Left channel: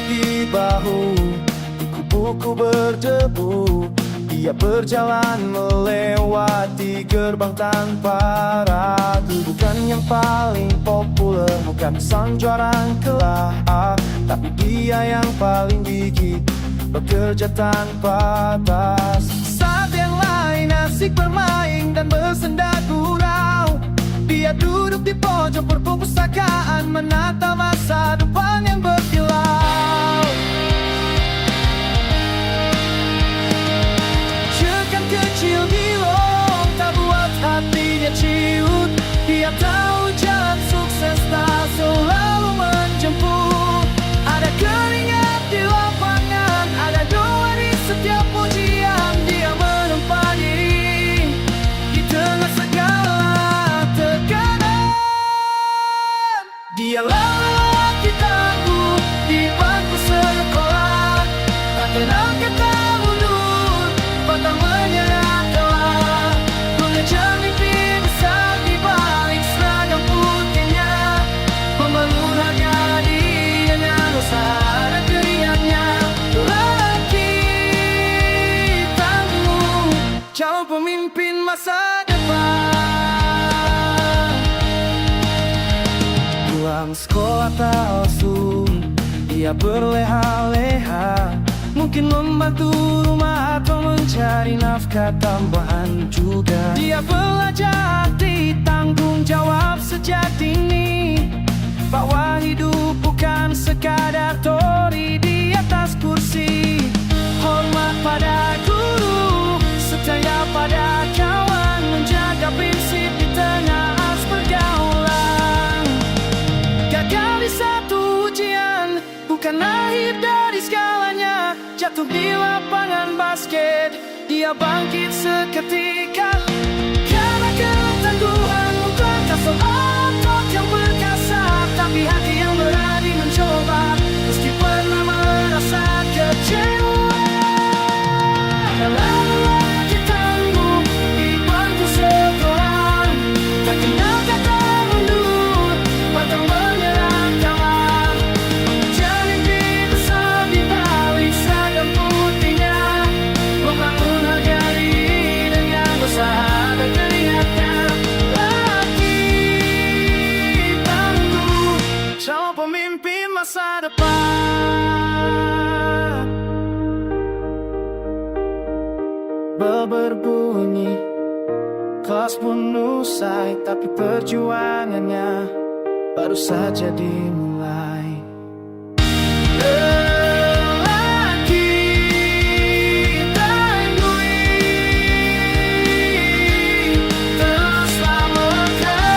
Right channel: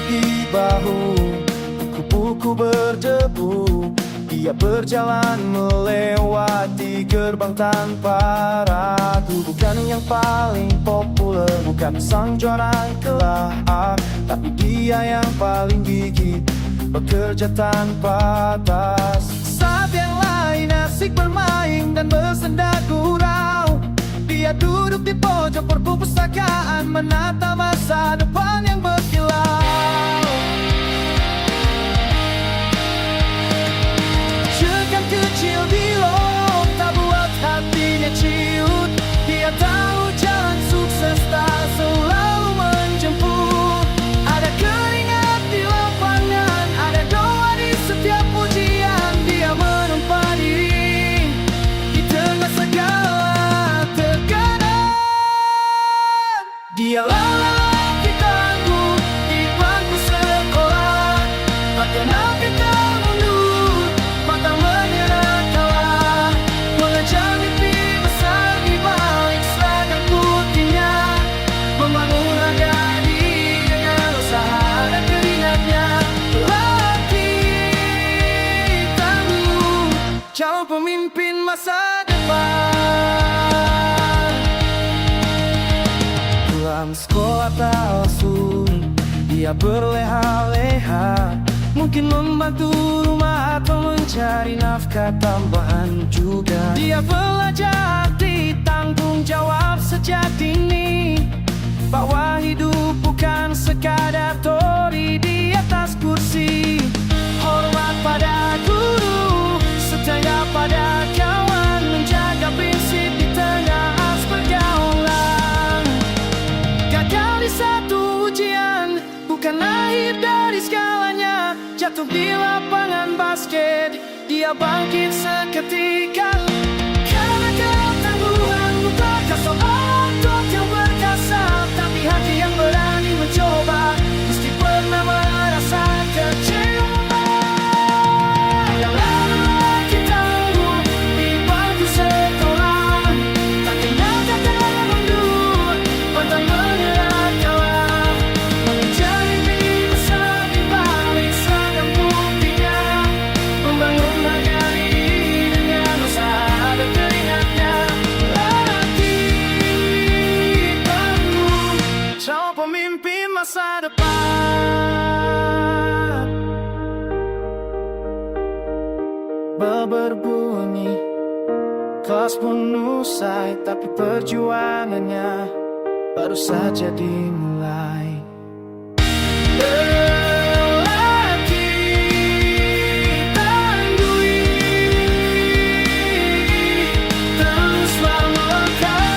berbagi bahu, buku-buku berdebu. Dia berjalan melewati gerbang tanpa ragu. Bukan yang paling populer, bukan sang juara kelak, tapi dia yang paling gigih, bekerja tanpa batas. Saat yang lain asik bermain dan bersenda gurau, dia duduk di pojok perpustakaan menata masa depan yang berkilau. Jekan kecil di lorong tak buat hatinya ciut. Dia tahu jalan sukses tak selalu menjemput. Ada keringat di lapangan, ada doa di setiap pujian. Dia menempa diri di tengah segala tekanan. Dia lelaki tangguh di bangku sekolah, tak kenal kata mundur, pantang menyerah kalah, mengejar mimpi besar di balik seragam putihnya, membangun harga diri dengan usaha dan keringatnya. Lelaki tangguh, calon pemimpin masa depan. Pulang sekolah tak langsung, dia berleha-leha, mungkin membantu rumah atau mencari nafkah tambahan juga. Dia belajar arti tanggung jawab sejak dini, bahwa hidup bukan sekadar teori di atas kursi. Hormat pada guru, setia pada kawan, menjaga prinsip di tengah arus pergaulan. Gagal di satu ujian bukan akhir dari segalanya. Jatuh di lapangan basket, dia bangkit seketika. Karena ketangguhan bukan kasar otot yang perkasa, tapi hati yang berani mencoba, mesti pernah merasa kecewa. Dia lelaki tangguh di bangku sekolah, tak kenal kata mundur, pantang menyerah kalah, mengejar mimpi besar di balik seragam putihnya, membangun harga diri dengan usaha dan keringatnya. Lelaki tangguh, calon pemimpin masa depan. Bel berbunyi, kelas pun usai, tapi perjuangannya baru saja dimulai. Lelaki tangguh, teruslah melangkah.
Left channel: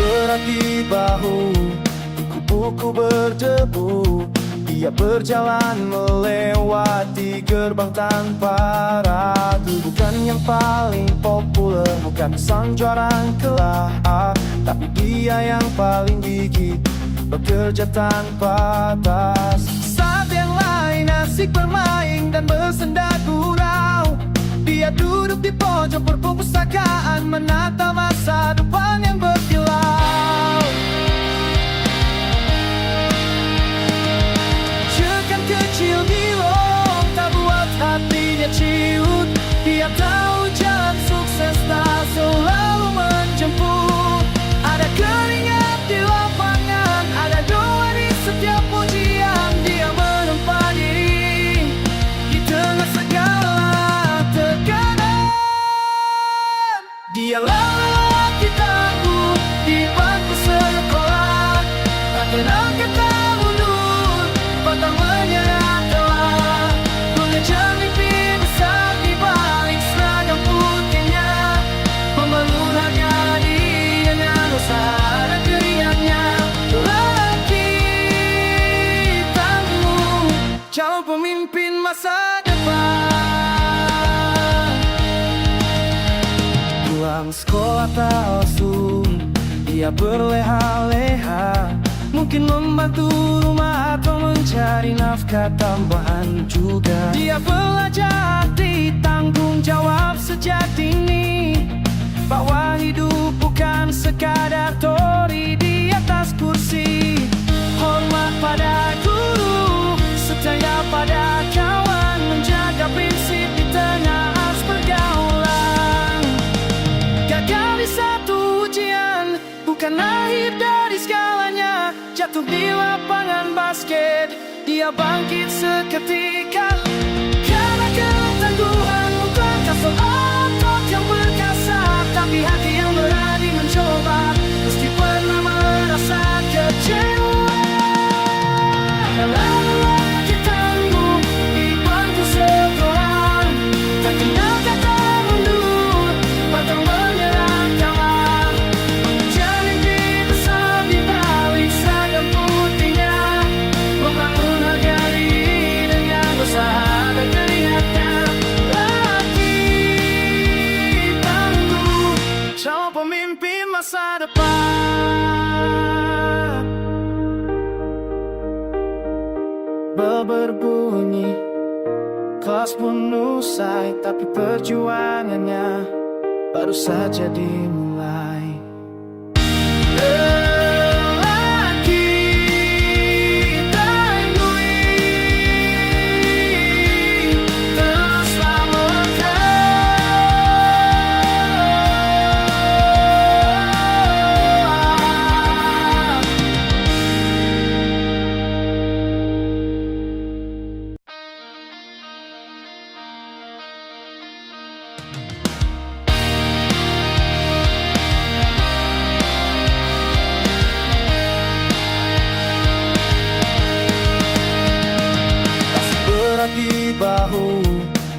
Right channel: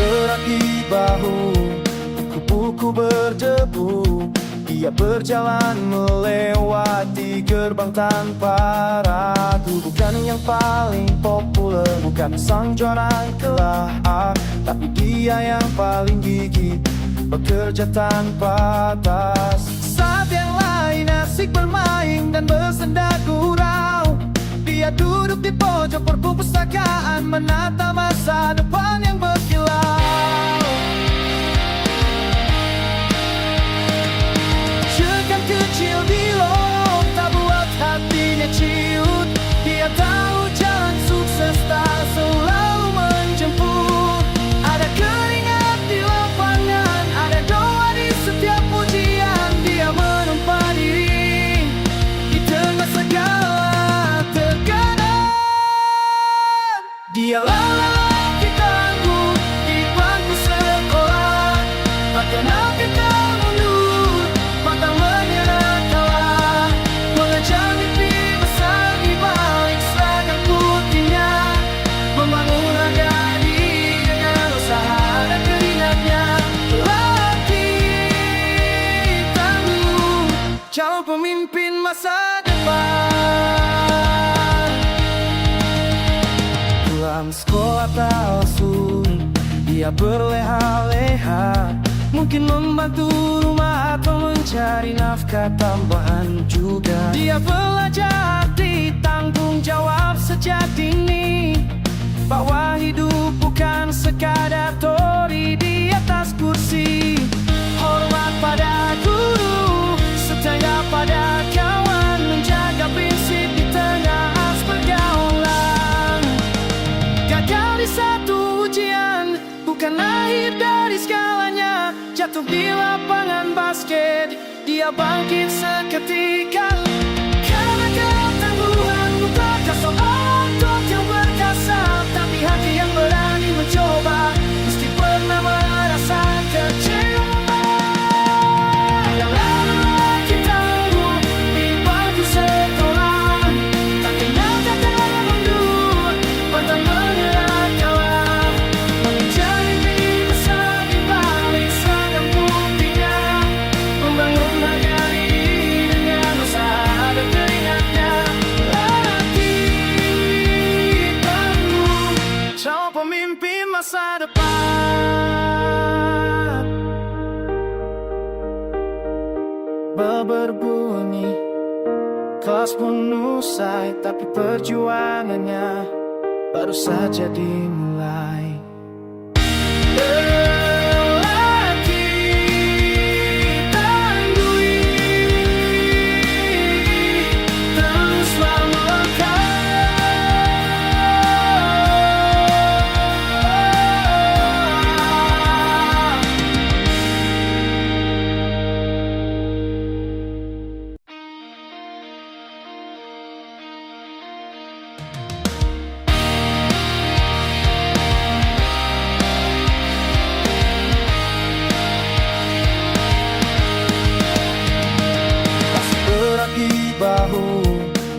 Berat di bahu, buku-buku berdebu. Dia berjalan melewati gerbang tanpa ragu. Bukan yang paling populer, bukan sang juara kelak, tapi dia yang paling gigih, bekerja tanpa batas. Saat yang lain asik bermain dan bersenda gurau, dia duduk di pojok perpustakaan menata masa depan yang berkilau. Jekan kecil di lorong tak buat hatinya ciut. Dia tahu jalan sukses tak selalu menjemput. Ada keringat di lapangan, ada doa di setiap pujian. Dia menempa diri di tengah segala tekanan. Dia lelaki tangguh di bangku sekolah, tak kenal kata mundur, pantang menyerah kalah, mengejar mimpi besar di balik seragam putihnya, membangun harga diri dengan usaha dan keringatnya. Lelaki tangguh, calon pemimpin masa depan. Pulang sekolah tak langsung, dia berleha-leha, mungkin membantu rumah atau mencari nafkah tambahan juga. Dia belajar arti tanggung jawab sejak dini, bahwa hidup bukan sekadar teori di atas kursi. Hormat pada guru, setia pada kawan, menjaga prinsip di tengah arus pergaulan. Gagal di satu ujian, bukan akhir dari segalanya. Jatuh di lapangan basket, dia bangkit seketika. Karena ketangguhan bukan kasar otot yang perkasa, tapi hati yang berani mencoba, mesti pernah merasa kecewa. Dia lelaki tangguh di bangku sekolah, tak kenal kata mundur, pantang menyerah kalah, mengejar mimpi besar di balik seragam putihnya, membangun harga diri dengan usaha dan keringatnya. Lelaki tangguh, calon pemimpin masa depan. Bel berbunyi, kelas pun usai, tapi perjuangannya baru saja dimulai. Lelaki tangguh, teruslah melangkah. Berat di bahu,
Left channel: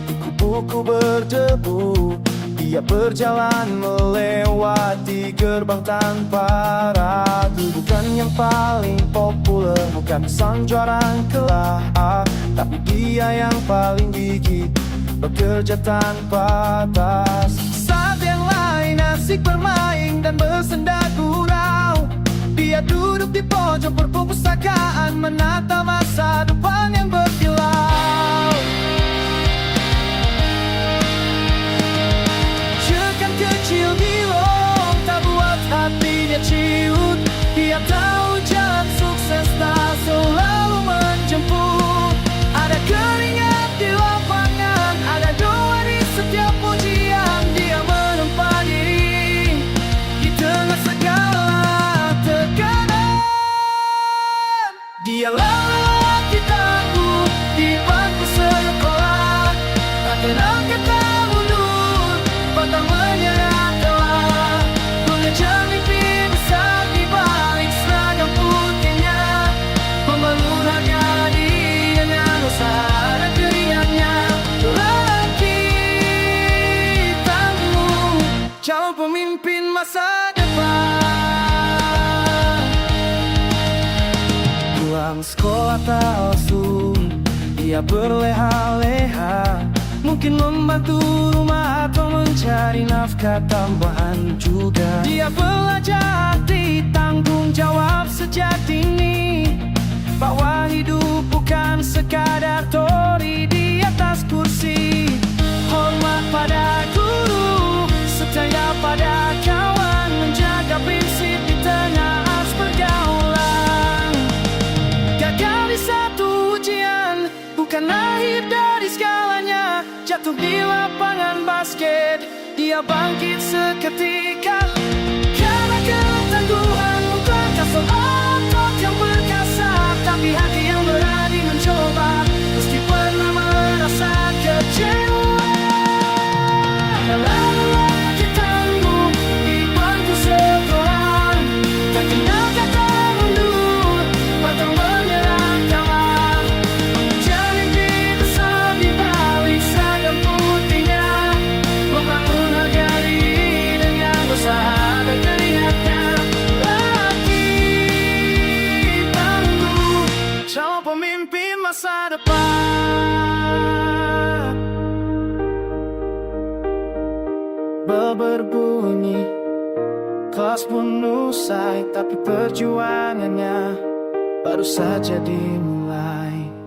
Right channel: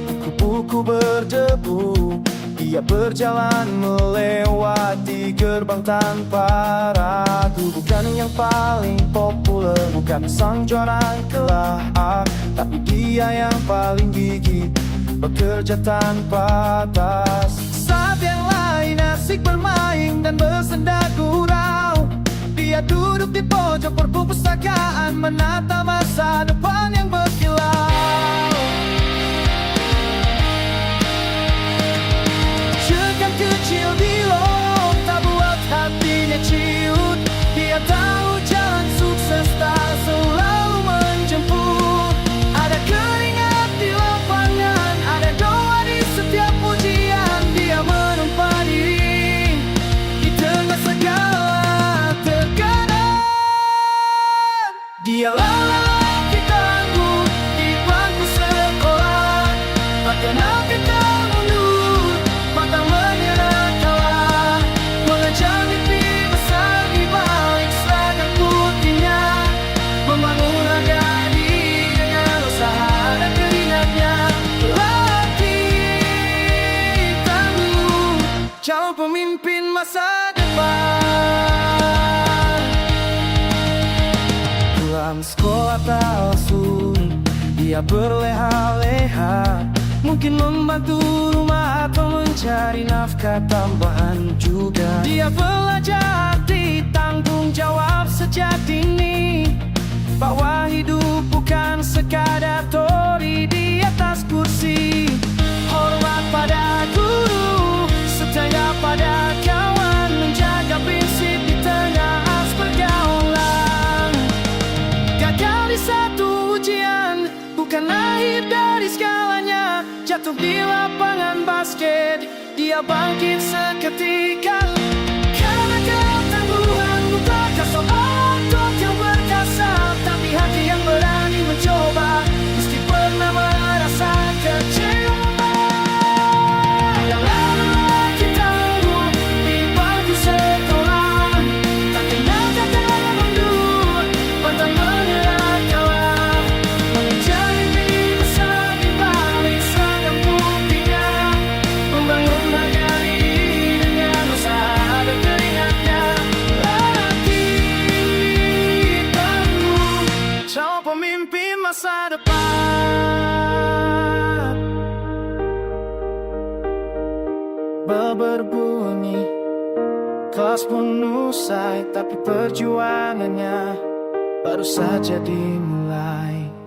buku-buku berdebu, dia berjalan melewati gerbang tanpa ragu. Bukan yang paling populer, bukan sang juara kelas, tapi dia yang paling gigih, bekerja tanpa batas. Saat yang lain asik bermain dan bersenda gurau, dia duduk di pojok perpustakaan, menata masa depan yang berkilau. Jekan kecil di lorong tak buat hatinya ciut, dia tahu jalan sukses tak selalu menjemput. Ada keringat di lapangan, ada doa di setiap pujian, dia menempa diri di tengah segala tekanan. Dia lelaki tangguh di bangku sekolah, tak kenal kata mundur, pantang menyerah kalah, mengejar mimpi besar di balik seragam putihnya, membangun harga diri dengan usaha dan keringatnya. Lelaki tangguh, calon pemimpin masa depan. Pulang sekolah tak langsung, dia berleha-leha, mungkin membantu rumah atau mencari nafkah tambahan juga. Dia belajar arti tanggung jawab sejak dini, bahwa hidup bukan sekadar teori di atas kursi. Hormat pada guru, setia pada kawan, menjaga prinsip di tengah arus pergaulan. Gagal di satu ujian, bukan akhir dari segalanya. Jatuh di lapangan basket, dia bangkit seketika. Karena ketangguhan bukan kasar otot yang perkasa, tapi hati yang berani mencoba, mesti pernah merasa kecewa. Dia lelaki tangguh di bangku sekolah, tak kenal kata mundur, pantang menyerah kalah, mengejar mimpi besar di balik seragam putihnya, membangun harga diri dengan usaha dan keringatnya. Lelaki tangguh, calon pemimpin masa depan. bel berbunyi, kelas pun usai, tapi perjuangannya baru saja dimulai.